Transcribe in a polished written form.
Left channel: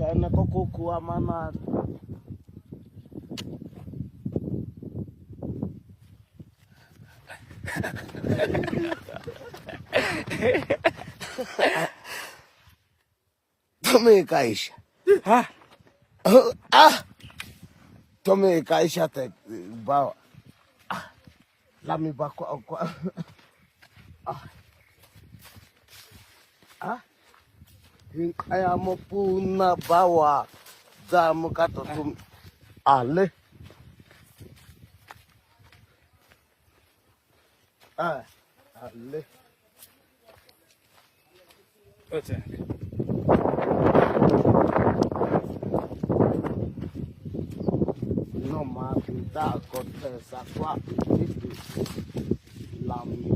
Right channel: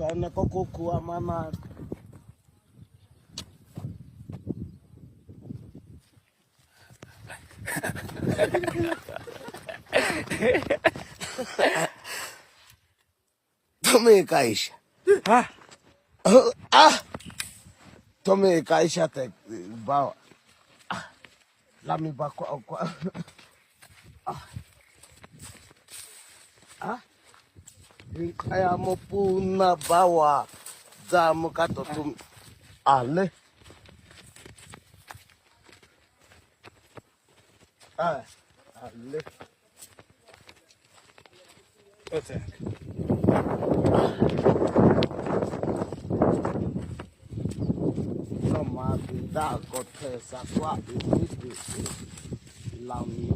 Chana kuku mana. Tome kaisha. Ha? Tome kaisha te bawa. Lami bako kwa. Kaya mo puna bawa. Zamu kato tum. Ale. Ale. Ete. No más da corteza kwa lami.